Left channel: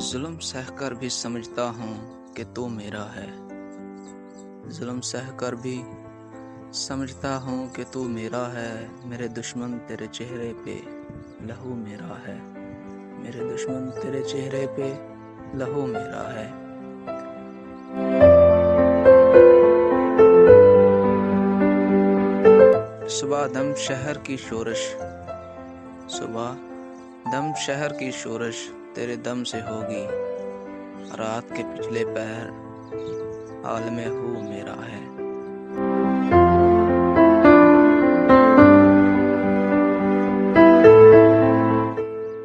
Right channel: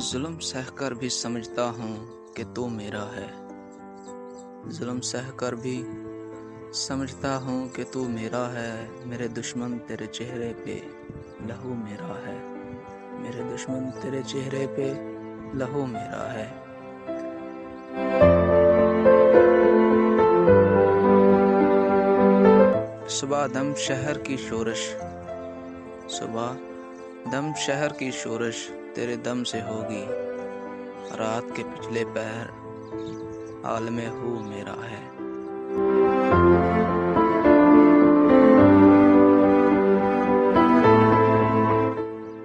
जुल्म सहकर भी समझता हूँ कि तू मेरा है। जुल्म सहकर भी समझता हूँ कि तू मेरा है। मेरे दुश्मन तेरे चेहरे पे लहू मेरा है। मेरे दुश्मन तेरे चेहरे पे लहू मेरा है। सुबह दम शहर की शोरश, सुबह दम शहर की शोरश तेरे दम से होगी। रात के पिछले पहर आलमे हू मेरा है।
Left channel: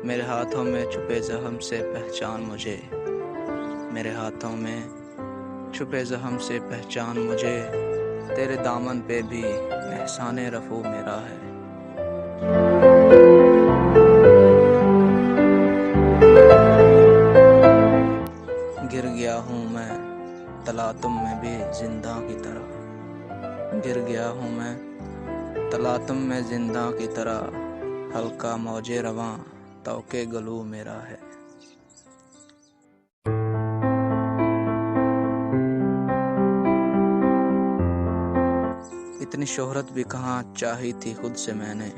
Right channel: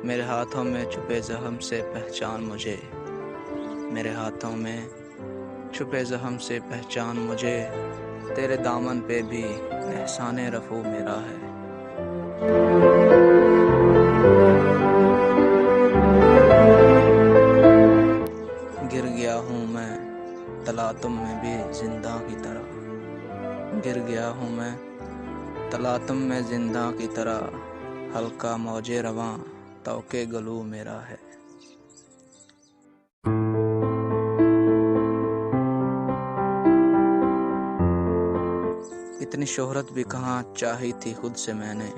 मेरे हाथों में छुपे जख्म से पहचान मुझे। मेरे हाथों में छुपे जख्म से पहचान मुझे। तेरे दामन पे भी एहसाने रफू मेरा है। गिर गया हूँ मैं तलातुम में भी जिंदा की तरह। गिर गया हूँ मैं तलातुम में जिंदा की तरह। हल्का मौजे रवां तौके गलू मेरा है। इतनी शोहरत भी कहाँ चाही थी खुद से मैंने।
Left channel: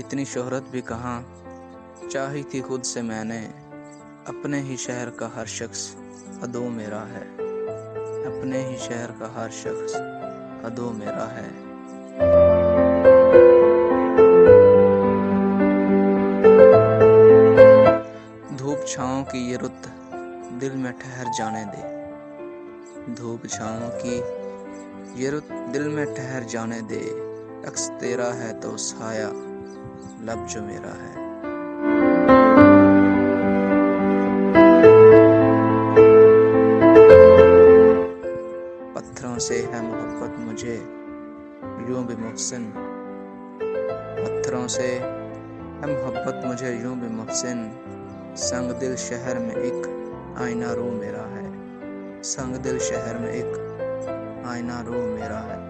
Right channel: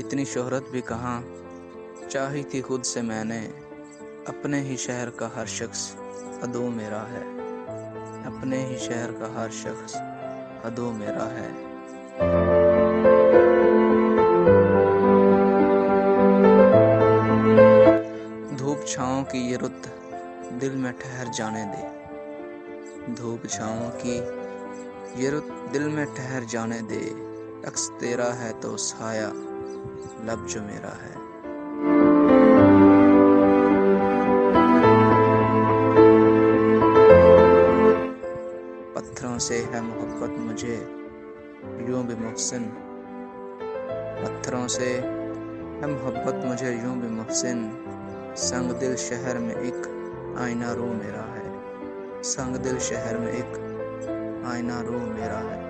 इतनी शोहरत भी कहाँ चाही थी खुद से मैंने। अपने ही शहर का हर शख्स अदो मेरा है। अपने ही शहर का हर शख्स अदो मेरा है। धूप छाँव की ये रुत दिल में ठहर जाने दे। धूप छाँव की ये रुत दिल में ठहर जाने दे। अक्स तेरा है तो साया लब जो मेरा है। पत्थरों से है मोहब्बत मुझे यूं भी मुहसिन। पत्थरों से है मोहब्बत मुझे यूं भी मुहसिन। संग दिल शहर में एक आईना रो मेरा है। संग दिल शहर में एक आईना रो मेरा है।